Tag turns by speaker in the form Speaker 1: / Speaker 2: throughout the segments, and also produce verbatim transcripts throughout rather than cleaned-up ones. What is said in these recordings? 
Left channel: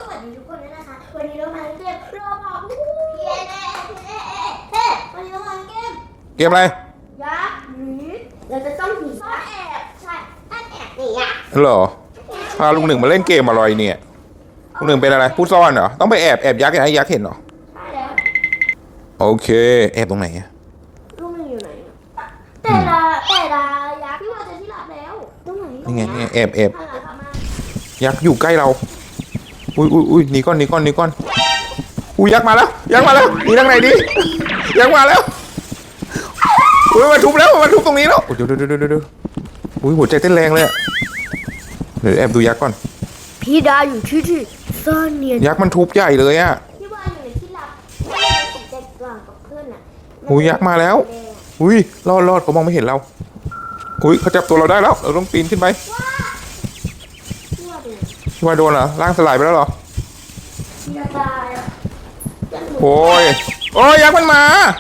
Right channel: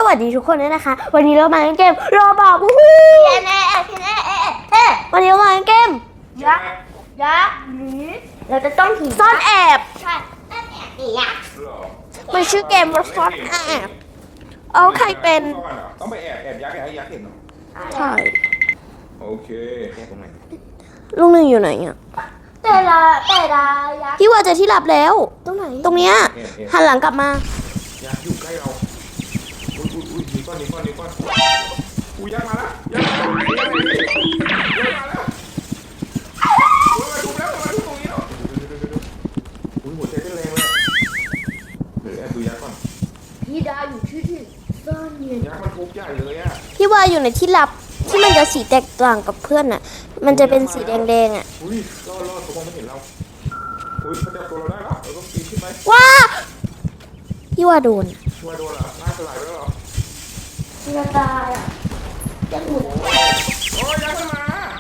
Speaker 1: วัสดีทุกคนด้วยนะคะวันนี้เรามาเล่นเกมรอบอกวู้ฮู้วันนี้เรามาเล่นเกม
Speaker 2: เกมอะไร
Speaker 1: ยักษ์หนีเราจะต้องหนีซ่อนแอบใช่ซ่อนแอบหนีอ่ะ
Speaker 2: เหรอ
Speaker 1: มันชื่อ
Speaker 2: พา
Speaker 1: เก
Speaker 2: ลุ
Speaker 1: ม
Speaker 2: งหนึ่งมาเล่นเกมอะไรเนี่ยลุงหนึ่งเป็นอะไรผู้ซ่อนเหรอต้องไปแอบแอบยักษ์ให้ยักษ์เห็นเหรอ
Speaker 1: ใช่
Speaker 2: โอเคแอบตรงไหนอะ
Speaker 1: ลุงหนึ่งอยู่ไหนอ่ะแต่ละแต่ละยักษ์พี่ว่าเจอที่ลับแล้วตรงไหนตรงเนี้ย
Speaker 2: แอบแอบ
Speaker 1: หันหลังกลับมา
Speaker 2: ยักษ์อยู่ใกล้เราอุ้ยอุ้ยอุ้ยหนีก่อนหนีก่อนหนีก่อนอุ้ยยักษ์มาแล้วยักษ์มาแล้วหนีทางไหนดียักษ์มาแล้วอุ้ยมาทุบแล้วมาทุบตรงนี้แล้วเดี๋ยวเดี๋ยวเดี๋ยวเดี๋ยวอุ้ยหัวใจเต้นแรงเลยอะเดี๋ยวแอบดูยักษ์ก่อน
Speaker 1: พี่ดาอยู่ที่ที่ซ่อนเนียน
Speaker 2: ยักษ์มันทุบใหญ่เลยอะ
Speaker 1: พี่ว่าอยู่ในที่ลับที่มันจะสีแตกต่างกับเพื่อนอ่ะมันจะ
Speaker 2: โอ้ยยั
Speaker 1: เป็
Speaker 2: ก
Speaker 1: น
Speaker 2: ษ์มา
Speaker 1: สี
Speaker 2: แล้ว
Speaker 1: แดงๆอ่ะ
Speaker 2: อุ้ยรอดรอดเขามองไม่เห็นเราอุ้ยเขาจับตัวเราได้แล้วเราต้องปีนขึ้นไป
Speaker 1: ว้าพี่ว่าโดน
Speaker 2: ที่ว่าโดนเหรอร่างสลายไปแล้วเหรอ
Speaker 1: จะตายอ่ะ
Speaker 2: โอ้ยโอ้ยยักษ์มันมา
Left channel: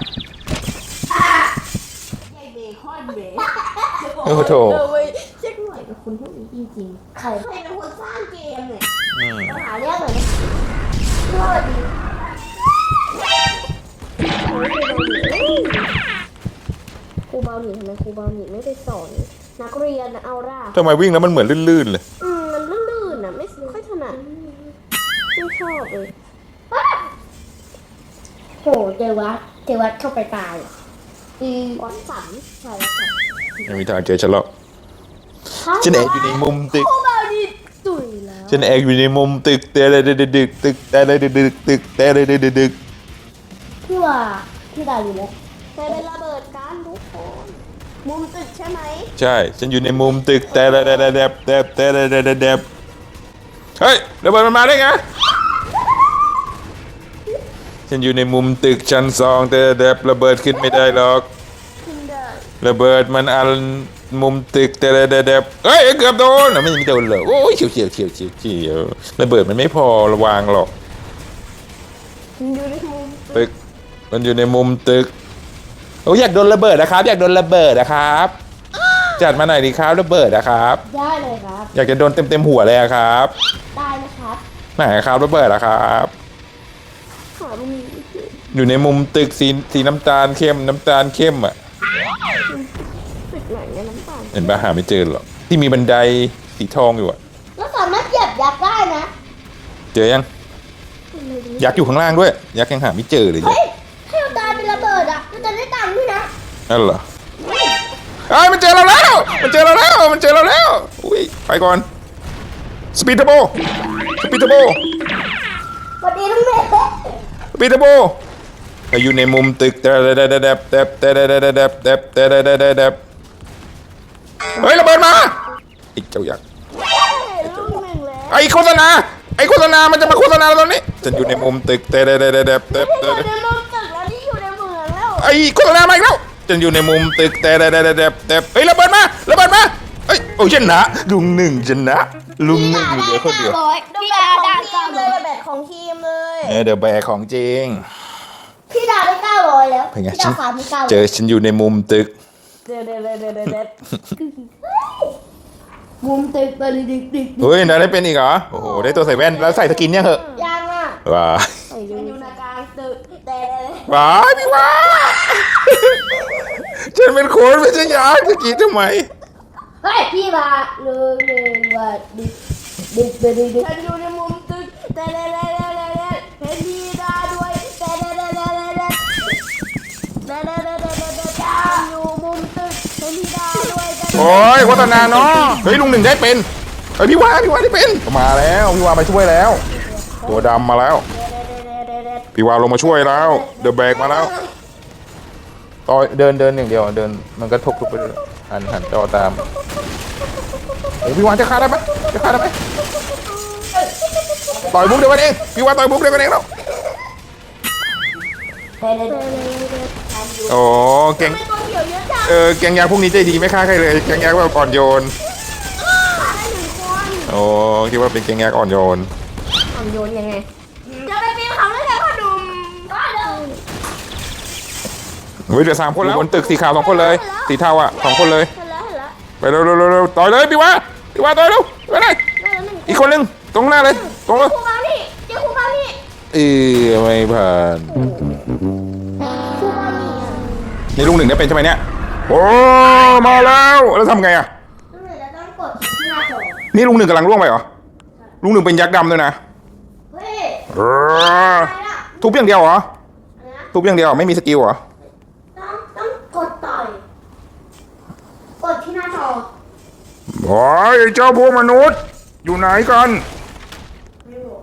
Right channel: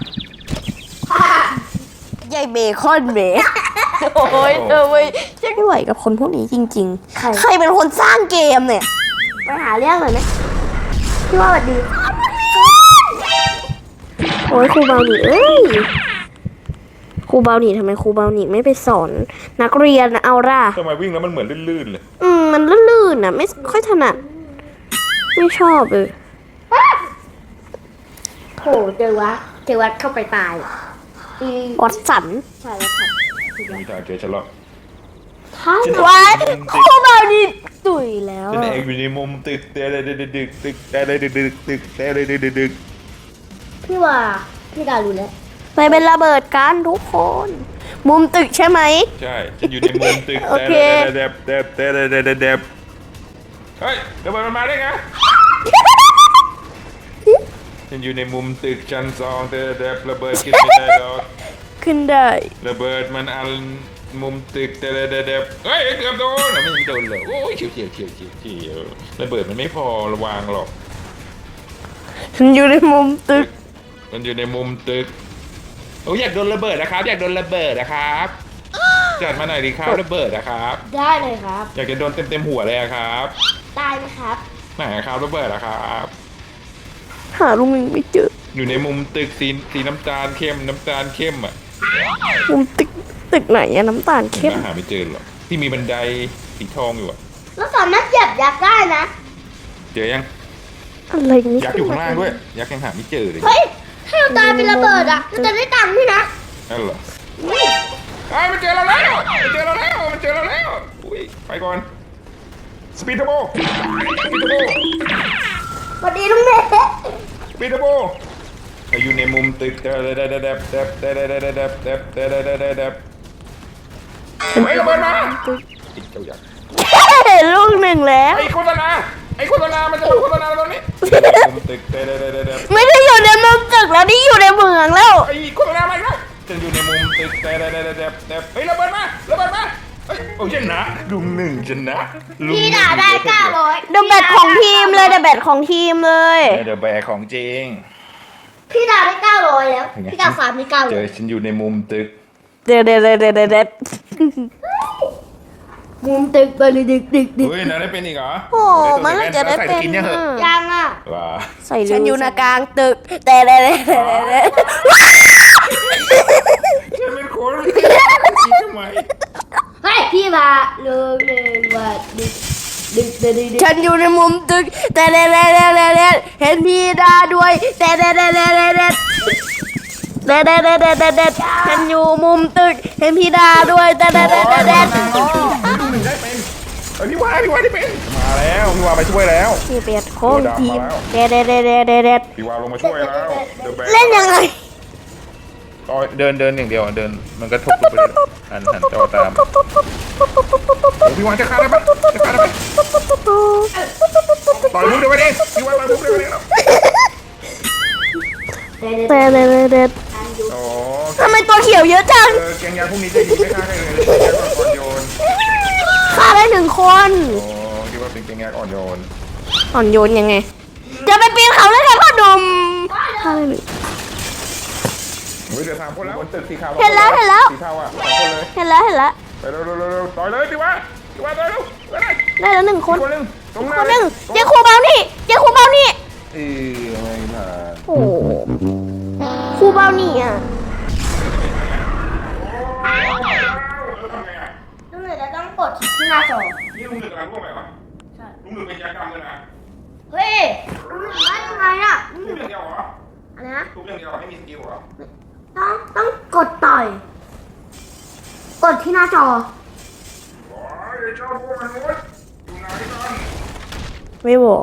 Speaker 1: ใหญ่เบคอนเบโอ้ยเออเว้ยจะไม่ไหวกับคนพวกนี้จริงๆ ใครเป็นคนสร้างเกมเนี่ยไปหาเรื่องหน่อยไหมพี่ว่าสวัสดีโอ้ยครูเบาหนีเอ้ยครูเบาหนีทำไมครูเบาหนีไม่ไปสอนนักเรียนเอาล่ะ
Speaker 2: ทำไมวิ่งแล้วมันเหมือนลื่นๆเลย
Speaker 1: อืมมันลื่นๆอ่ะไม่ค่อยถนัดไม่ชอบเลย
Speaker 3: โอ้เจอวัดเจอวัดเข้าไปตาย
Speaker 1: วัดสัน
Speaker 2: ไม่มีทางเจอฉันหรอก
Speaker 1: วั
Speaker 2: ฉัน
Speaker 1: ด
Speaker 2: แอบอยู่ในมุม
Speaker 1: ค
Speaker 2: ตึ
Speaker 1: รู
Speaker 2: ก
Speaker 1: เบาหนีตุยแล้ว
Speaker 2: ฉันแอบอยู่ในมุมตึกแต่อะไรดึกดึกตึกแต่อะไรดึกดึกตึกแต่อะไรดึกดึก
Speaker 3: พี่ว่าพี่ดาวรู้แล้ว
Speaker 1: ไปเป็นระเบิดกันทุกคน มุมตึกใช่ไหม
Speaker 2: ใช่ฉันอยู่ในมุมตึกแต่อะไร
Speaker 1: โอเค
Speaker 2: เด็บเด็บแต่อะไรเด็บเด็บเฮ้ยระเบิดมันมาได้ไงฉันอยู่ในมุมตึกชั้นสองแต่เด็บระเบิดขึ้นไม่ได้หรอก
Speaker 1: ขึ้นได้
Speaker 2: ระเบิดมันอันมุมตึกแต่เด็บเฮ้ยเกือบโดนไม่โดนเลยโอ้ยเฉียวเฉียวเฉียวเฉียวเฉียวระเบิดมันไม่พอระวางหรอก
Speaker 1: ฉันอยู่ในมุมตึ
Speaker 2: ตึ
Speaker 1: ก
Speaker 2: กมันอยู่ในมุมตึกโอ้ยอยากโดนระเบิดนะครับ อยากโดนระเบิดนะครับ จัดมาหน่อยดีครับระเบิดนะครับ
Speaker 3: ได้เลยครับ
Speaker 2: อยากจะโดนเต็มเต็มๆหัวเลยอะครับ
Speaker 3: ได้ไหมครับ
Speaker 2: ไหนครับระเบิดนะครับ
Speaker 1: หาลุงไม่เจอ
Speaker 2: อยู่ในมุมตึกสีสีน้ำตาลเข้มน้ำตาลเข้มอ่ะ
Speaker 1: มุมตึกตึกไหนอะน้ำตาล
Speaker 2: เห็น
Speaker 1: เข้ม
Speaker 2: ปะหาไม่เจอหรอกที่มีบันไดสีทองอยู่อะ
Speaker 3: เราสามารถเหยียบยักษ์ได้นะ
Speaker 2: เจอยัง
Speaker 1: อะไรนี่
Speaker 2: ยักษ์อยู่ข้างล่างด้วยยักษ์ยังหาไม่เจอเลย
Speaker 3: เฮ้ยถ้าเราตายเป็นระเบิดอ่ะเราจะได้ตังค์พี่นะ
Speaker 2: นั่นเหรอไอ้ยมันเจอเราแล้วมันเจอเราแล้วมันเจอเราแล้วอุ้ยไปก่อนสปีดเทอร์โบสปีดเทอร์โบ
Speaker 3: สวัสดีลุงเมย์
Speaker 2: ปีเตอร์โบอยู่ในมุมตึกแต่แต่แต่แต่แต่แต่แต่แต่แต่แต่แต่แต่แต่แต่เฮ้ยระเบิดมาอีกเจ้ายักษ์
Speaker 1: เห็นลูกหนึ่งแล้ว
Speaker 2: ไอ้โฆษณาไอ้โฆษณามันจะมาโฆษณาตอนนี้จะอยู่ในมุมตึกแต่แต่แต่แต่
Speaker 1: ไม่ได้อยู่ในมุมตึกแล้วนี่อยู่ในเมืองแล้ว
Speaker 2: ไอ้โฆษณามาอีกแล้วจะอยู่ในมุมตึกแต่แต่แต่แต่แต่เฮ้ยระเบิดมาระเบิดมาเฮ้ยโอ้ชนะลุงหนึ่งชนะลุงห
Speaker 3: พี่
Speaker 2: นึ่
Speaker 3: ดาง วได้
Speaker 2: เดียว
Speaker 3: เก้า
Speaker 2: เดียว
Speaker 3: ร้อย
Speaker 1: เดอะแบทของทีมเลยเดอะแบทของทีมเลย
Speaker 2: เดอะแบกของจริง
Speaker 3: พี่ดาวได้เก้าร้อยแล้ว
Speaker 2: เป็นไง
Speaker 3: พี่ดาวฟาร์มได้เก้า
Speaker 2: เจ
Speaker 3: ร้อ
Speaker 2: อย ฉันอยู่ในมุมตึก
Speaker 1: เด็ดเด็ดเด็ดเด็ดเด็ด
Speaker 3: มุมตึกไปเลยดึกดึกดึก
Speaker 2: เฮ้ยนายได้เป็นอีกเหรอโอ้ได้ตัวใส่แว่นแล้วใส่สกินยังเหอะ
Speaker 3: ยังอ่ะ
Speaker 2: ว้า
Speaker 1: ใส่ฉันอยู่ในกลางตึกแต่เด็ดเด็ด
Speaker 2: ว้าฉันเป็นโค้ชไม่ใช่ยักษ์จะจีทำไม
Speaker 3: เฮ้ยพี่มาเลยเลยว่าดึกดึกดึกดึก
Speaker 1: ฉันอยู่ในมุมตึกแต่เด็ดเด็ดเด็ดเด็ดเห็นพี่ดาด้วยแต่เด็ดเด็ดเด็ดเด็ดเด็ดเด็ดเด็ดเด็ดเด็ดเด็ดเด็ดฉันอยู่มุมตึกเห็นพี่ดาด้วยแต่เด็ด
Speaker 2: โอ้
Speaker 1: เด็ด
Speaker 2: ยโฆษณาเนาะเฮ้ยลุงหนึ่งได้เป็นเฮ้ยพี่ว่าพี่ว่าได้เป็นมาแล้วพี่ว่าไปช่วยแล้ว
Speaker 1: พี่เป็ดโค
Speaker 2: ตัวดำมาแล้ว
Speaker 1: เด็ดเด็ดเด็ดเด็ดเด็ดเด็ด
Speaker 2: พี่ว่าลงมาช่วยแล้วเดอะแบก
Speaker 1: เล่น
Speaker 2: มาแล้
Speaker 1: ยั
Speaker 2: ว
Speaker 1: งไง
Speaker 2: ต่อเดินเดินอย่างเดียวเดินมันก็ทุบไปเลยหันหันจอตามพี่ว่าจะฆ่าได้ไหมจะฆ่าได้ไหมต่อยบุ๊กเดี๋ยวกันเองพี่ว่าต่อยบุ๊กเดี๋ยวกันเองแล้ว
Speaker 1: เด็ดเด็ดเด็ดเด็ด
Speaker 2: โอ้แก
Speaker 1: ทำไมตัวเขียวเยอะจัง
Speaker 2: เออแกงยาพวกนี้ใจดีไม่ฆ่าใครเลยแกงยาแบบอ่อนโยน
Speaker 1: ฆ่าได้หนึ่งคน
Speaker 2: โอ้คิดว่าเป็นแกงยาอ่อนโยน
Speaker 1: อ่อนโยนยังไงจะไปปีนเขาเลยค่ะพ่อหนุ่ม
Speaker 2: เฮ้ยเหลือสามคนแล้วบนตึกสีขาวสองคนเลยสีเทาอ่ะสองคนเลย
Speaker 1: เห็นแล้วเห็นแล้ว
Speaker 2: ไปเร็วเร็วเร็วเร็วต่อยเลยพี่ว่าพี่ว่าต่อยเร็วไปเลย
Speaker 1: ได้แล้วหนึ่งค
Speaker 2: อี
Speaker 1: น
Speaker 2: กคนนึงตรงหน้าเลย
Speaker 1: หนึ่ง
Speaker 2: ตรง
Speaker 1: นี่ครูเบานี่
Speaker 2: เออไม่ผ่าน
Speaker 1: โอ้ครูเบาหนีอ่ะ
Speaker 2: นี่ลุงหนึ่งจะเป็นใช่ไหมเนี่ยโอ้มาแล้วแล้วทำไงอ่ะ
Speaker 3: ต้องเลยจะต้องกดที่หน้าจอ
Speaker 2: นี่ลุงหนึ่งกำลังล่วงไปเหรอลุงหนึ่งเป็นยักษ์ดำด้วยนะ
Speaker 3: เฮ้ย
Speaker 2: เออ
Speaker 3: อะไรอ่ะ
Speaker 2: ทุบอย่างเดียวเหรอ
Speaker 3: อะไรนะ
Speaker 2: ทุบอย่างเดียวไม่มีสกิลเหรอ
Speaker 3: ต้องต้องกดต่อย กดที่หน้าจอ
Speaker 2: โอ้ยเจ้าพวกมนุษย์ อยู่ไหนกัน
Speaker 1: ไม่บอก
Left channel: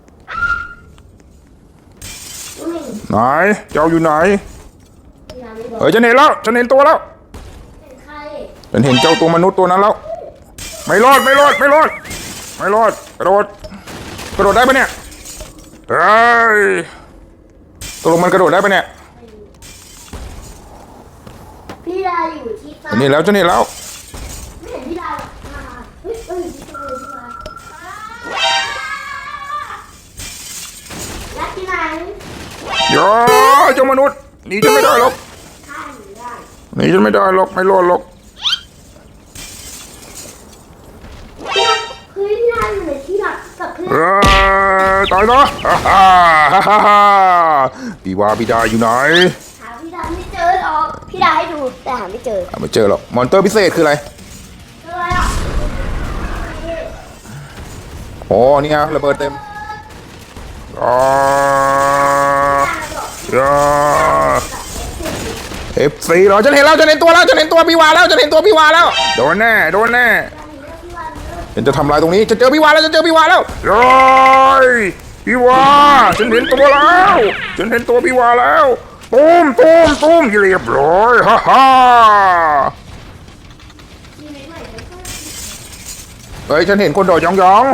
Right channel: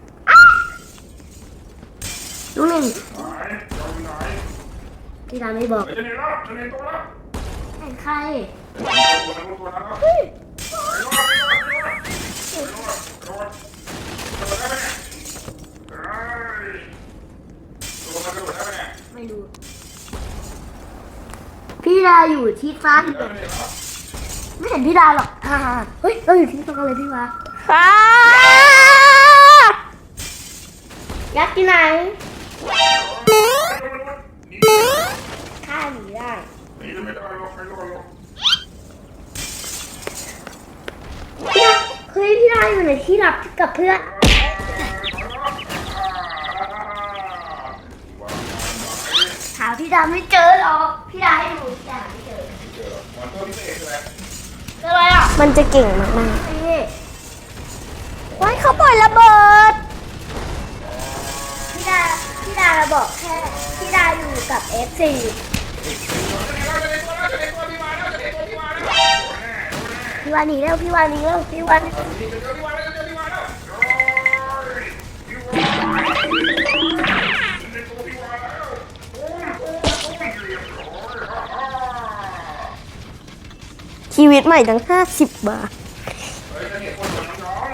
Speaker 3: ลูกหนึ่ง
Speaker 2: ไหนเจ้าอยู่ไหน
Speaker 3: พี่ดาไม่บอก
Speaker 2: เฮ้ยฉันเห็นแล้วฉันเห็นตัวแล้ว
Speaker 3: เห็นใคร
Speaker 2: ฉันเห็นเจ้าตัวมนุษย์ตัวนั้นแล้ว ไม่รอดไม่รอดไม่รอดไม่รอดกระโดดกระโดดได้ปะเนี่ยเฮ้ยตกลงมันกระโดดได้ปะเนี่ย
Speaker 3: ไม่รู้พี่ดาอยู่ที่ฟ้า
Speaker 2: นี่แล้วฉันเห็นแล้ว
Speaker 3: ไม่เห็นพี่ดาหรอกอ่าเฮ้ยเราอยู่ที่ตรงเลยพี่วะ
Speaker 1: อ้า
Speaker 3: ยักษ์ที่ไหน
Speaker 2: โย่เจ้ามนุษย์หนีฉันไม่ได้หรอก
Speaker 3: ฆ่าหนูได้
Speaker 2: หนีฉันไม่ได้หรอกไม่รอดหรอก
Speaker 3: พี่ดาเฮ้ยพี่ดาอยู่ในที่หลับกับเพื่อน
Speaker 2: เอ้ยตายนะฮ่าฮ่าฮ่าฮ่าฮ่าพี่ว่าพี่ดาอยู่ไหน
Speaker 3: หาพี่ดาไม่เจอหรอกพี่ดาให้ดูแต่หาไม่เจอ
Speaker 2: อ่ะไม่เจอหรอกมอนเตอร์พิเศษคืออะไร
Speaker 3: เจออะไรอ่ะ
Speaker 1: มันจะเก่งมาก
Speaker 3: นี่
Speaker 2: โอ้
Speaker 1: ๆ
Speaker 2: นี่ไง
Speaker 1: เขาปล่อย
Speaker 2: ระ
Speaker 1: ระ
Speaker 2: เบิด
Speaker 1: เบิด
Speaker 2: อ๋อ
Speaker 3: พี่ดาบอกให้พี่ดาอยู่กับเอฟซี
Speaker 2: เอฟซีเหรอฉันเห็นแล้วฉันเห็นตัวแล้วฉันเห็นตัวพี่วาแล้วฉันเห็นตัวพี่วาแล้วโดนแน่โดนแน่
Speaker 3: พี่วาหนีเร็วพี่วาหนีเร็ว
Speaker 2: ฉันจะทำลายตรงนี้ฉันเจอพี่วาแล้วฉันเจอพี่วาแล้วโอ้ยพี่วาฉันเห็นตัวแล้วฉันเห็นตัวพี่วาแล้วตูมตูมตูมเรียบร้อยฮ่าฮ่า
Speaker 1: ชีวิตใหม่ตั้งห้าสิบบาท
Speaker 2: เฮ้ยฉันเห็นคนโดดยองยอง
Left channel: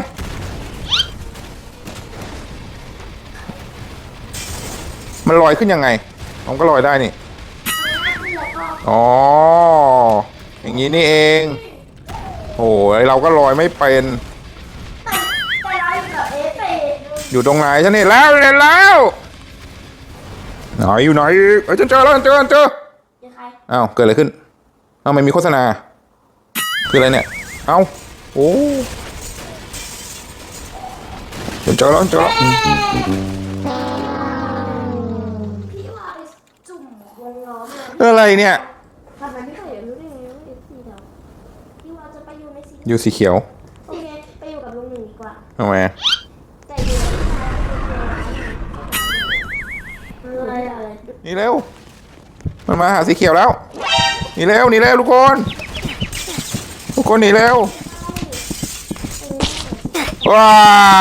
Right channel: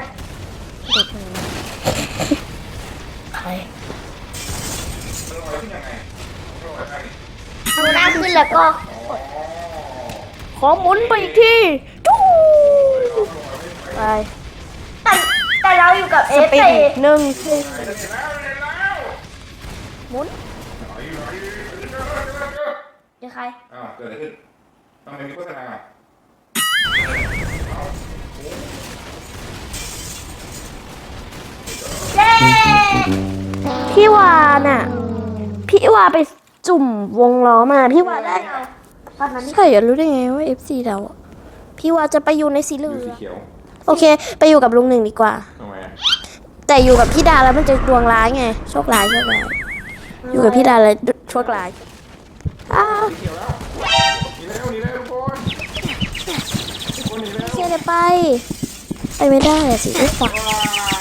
Speaker 2: มันลอยขึ้นยังไงมันก็ลอยได้นี่
Speaker 3: ทำหน้าขึ้นแล้วก็
Speaker 2: อ๋อ
Speaker 1: ขอ
Speaker 2: อย่าง
Speaker 1: คุ
Speaker 2: นี้
Speaker 1: ณ
Speaker 2: นี่
Speaker 1: ไป
Speaker 2: เอง
Speaker 1: ที่
Speaker 2: โอ้ยเราก็ลอยไม่เป็น
Speaker 3: แต่แต่เราอยู่กับเอฟ
Speaker 1: ไป
Speaker 3: ซี
Speaker 1: หนึ่ง
Speaker 2: อยู่ตรงไหนฉันเห็นแล้วฉันเห็นแล้ว
Speaker 1: หมุน
Speaker 2: ไหนอยู่ไหนอีกเอ้ยฉันเจอแล้วฉันเจอฉันเจอ
Speaker 3: เจอใคร
Speaker 2: อ้าวเกิดอะไรขึ้นอ้าวมันมีโฆษณาคืออะไรเนี่ยเอ้าโอ้ฉันเจอแล้วฉันเจอแล้ว
Speaker 1: พี่วาน่ะ พี่วาไปจุ่มวงล้อมาพี่
Speaker 2: คือ
Speaker 1: วา
Speaker 2: อะไรเนี่ย
Speaker 1: ใช่อะรู้ได้ไงว่า เอฟ ซี เราอะพี่วาจะไปอยู่ในสีเหลือง
Speaker 2: อยู่สีเขียว
Speaker 1: โอเค ไปอยู่กับลุงหนึ่งดีกว่า
Speaker 2: ทำไมอะ
Speaker 1: แต่อยู่กับพี่ดาแล้วมันจะดวงร้ายไงโชคร้ายโชคร้ายอยู่กับพี่ดาแล้วโชคร้าย
Speaker 2: มันมาหาสีเขียวแล้วหนีเร็วหนีเร็วทุกคนทุกคนหนีเร็ว
Speaker 1: ไม่ได้ไปไปไม่ได้อะสิไม่ไป
Speaker 2: ว้า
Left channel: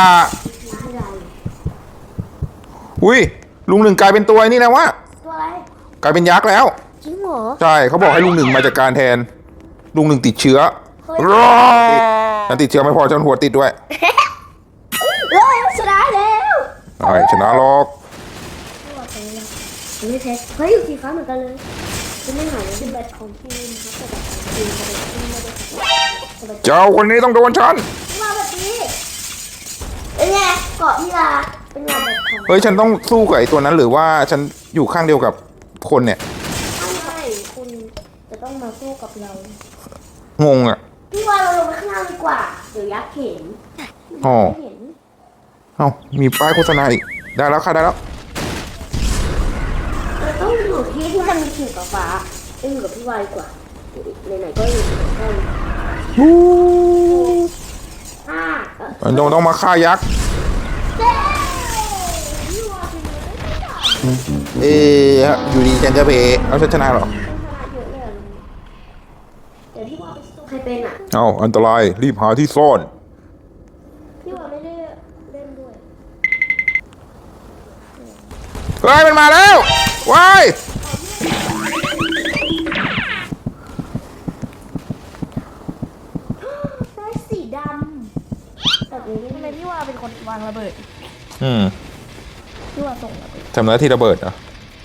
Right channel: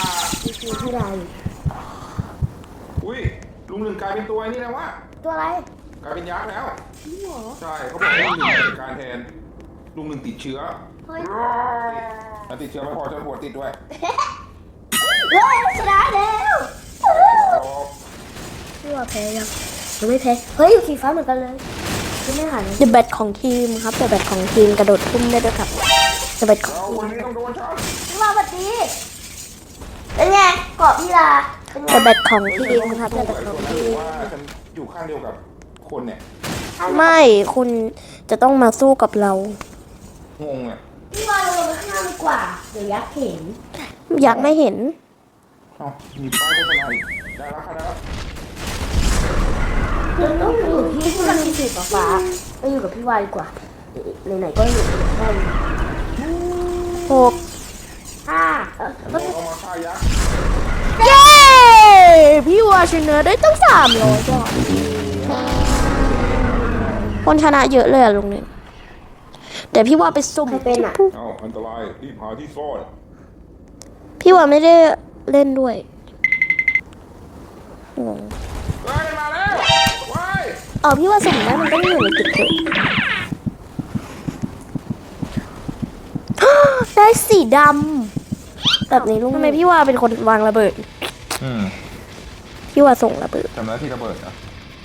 Speaker 2: อุ้ยลุงหนึ่งกลายเป็นตัวไอ้นี่แล้ววะ
Speaker 3: ตัวอะไร
Speaker 2: กลายเป็นยักษ์แล้ว
Speaker 1: จริงเหรอ
Speaker 2: ใช่เขาบอกให้ลุงหนึ่งมาจัดการแทน ลุงหนึ่งติดเชื้อร้อยฉันติดเชื้อไม่พอฉันหัวติดด้วย
Speaker 3: เฮ้ยชนะแล้ว
Speaker 2: ใช่ชนะหรอก
Speaker 3: พี่วาแพ้ยังยังไม่แพ้เฮ้ยอยู่สีฟ้าเหมือนกันเลยไม่ใช่หาย
Speaker 1: เดอะแบทของทีมครับเดอะแบทของทีมกระโดดขึ้นได้ด้วยครับเดอะแบท
Speaker 2: เจ้าคนนี้ต้องโดนฉัน
Speaker 3: พี่วาแบบนี้เป็นไงเกาะพี่ลาเป็นไง
Speaker 1: เดอะแบทของ
Speaker 2: เฮ้ยฉันต้อง
Speaker 1: ทีมครับ
Speaker 2: สู้กับไอ้ตัวนั้นหรือว่าฉันอยู่ข้างเดียวกับคนเนี่ย
Speaker 1: ไม่คุณจะต้องมาสู้กับเรา
Speaker 2: งงอ่ะ
Speaker 3: พี่วาเราลงไปข้างล่างดีกว่าเดี๋ยวยักษ์เห็น
Speaker 1: อยาก
Speaker 2: อ๋อ
Speaker 1: ไม่เห็น
Speaker 2: เอ้ามีป้ายโฆษณาอีกได้แล้วค่ะได้แล้ว
Speaker 3: เราต้องอยู่กับพี่ที่มันมีสีฟ้าๆต้องอยู่กับพี่วาดีกว่าไหนๆก็อยู่กับพี่
Speaker 1: หก
Speaker 3: อ่าเออ
Speaker 2: มันต้องต้องมาฆ่ายักษ์
Speaker 1: เย้พี่วาชนะได้ตั้งสามร้อยบาท
Speaker 2: เอ๊ะอยู่ดีฉันจะเพแล้วฉันชนะเหรอ
Speaker 1: คนชนะเยอะเลยอะลุงเนี่ยแต่พี่ว่าไปสุ่ม
Speaker 3: ใครเป็นอ่ะ
Speaker 2: เอ้าอันตรายรีบหาที่ซ่อน
Speaker 1: พี่ว่าไม่ได้เล่นด้วยงง
Speaker 2: เฮ้ยมันมาแล้วว้าย
Speaker 1: อ๋อพี่ว่าสั่งได้มันไม่ได้อยู่ในจุดเลยได้สีดำแบบนี้ลุงทำไมพี่ว่าเป็นคนวางระเบิด
Speaker 2: อืม
Speaker 1: พี่ว่าส่งระเบิด
Speaker 2: ทำหน้าที่ระเบิดเหรอ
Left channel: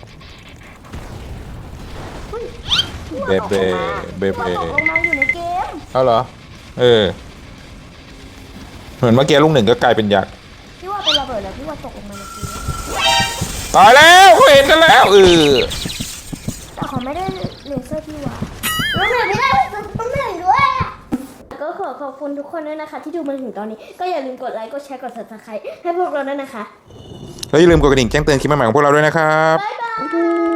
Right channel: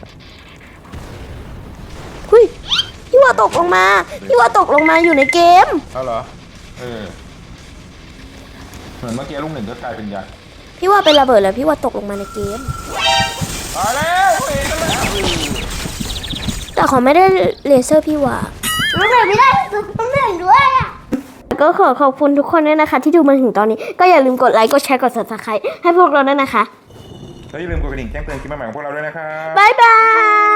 Speaker 1: เฮ้ยพี่ว่าตกลงมา
Speaker 2: เบเบ
Speaker 1: พี่ว่าตกลงมาอยู่ในเกม
Speaker 2: เอาเหรอเออเหมือนเมื่อกี้ลุงหนึ่งก็กลายเป็นยักษ์
Speaker 1: พี่ว่าเป็นระเบิดแล้วพี่ว่าตกลงมาในเกม
Speaker 2: ตายแล้วเห็นกันแล้วเออ
Speaker 1: แต่เขาไม่ได้เลเซอร์พี่ว่า
Speaker 3: ต้องเห็นไม่ได้ต้องเห็นด้วยอ่ะ
Speaker 1: ก็ขอขอบคุณทุกคนด้วยนะคะ ที่ดูมาถึงตอนนี้ ก็อย่าลืมกดไลค์ กดแชร์ กด ซับสไครบ์ ให้พวกเราด้วยนะคะ
Speaker 2: แล้วอย่าลืมกดกระดิ่งแจ้งเตือนคลิปใหม่ๆของพวกเราด้วยนะครับ
Speaker 1: บ๊ายบาย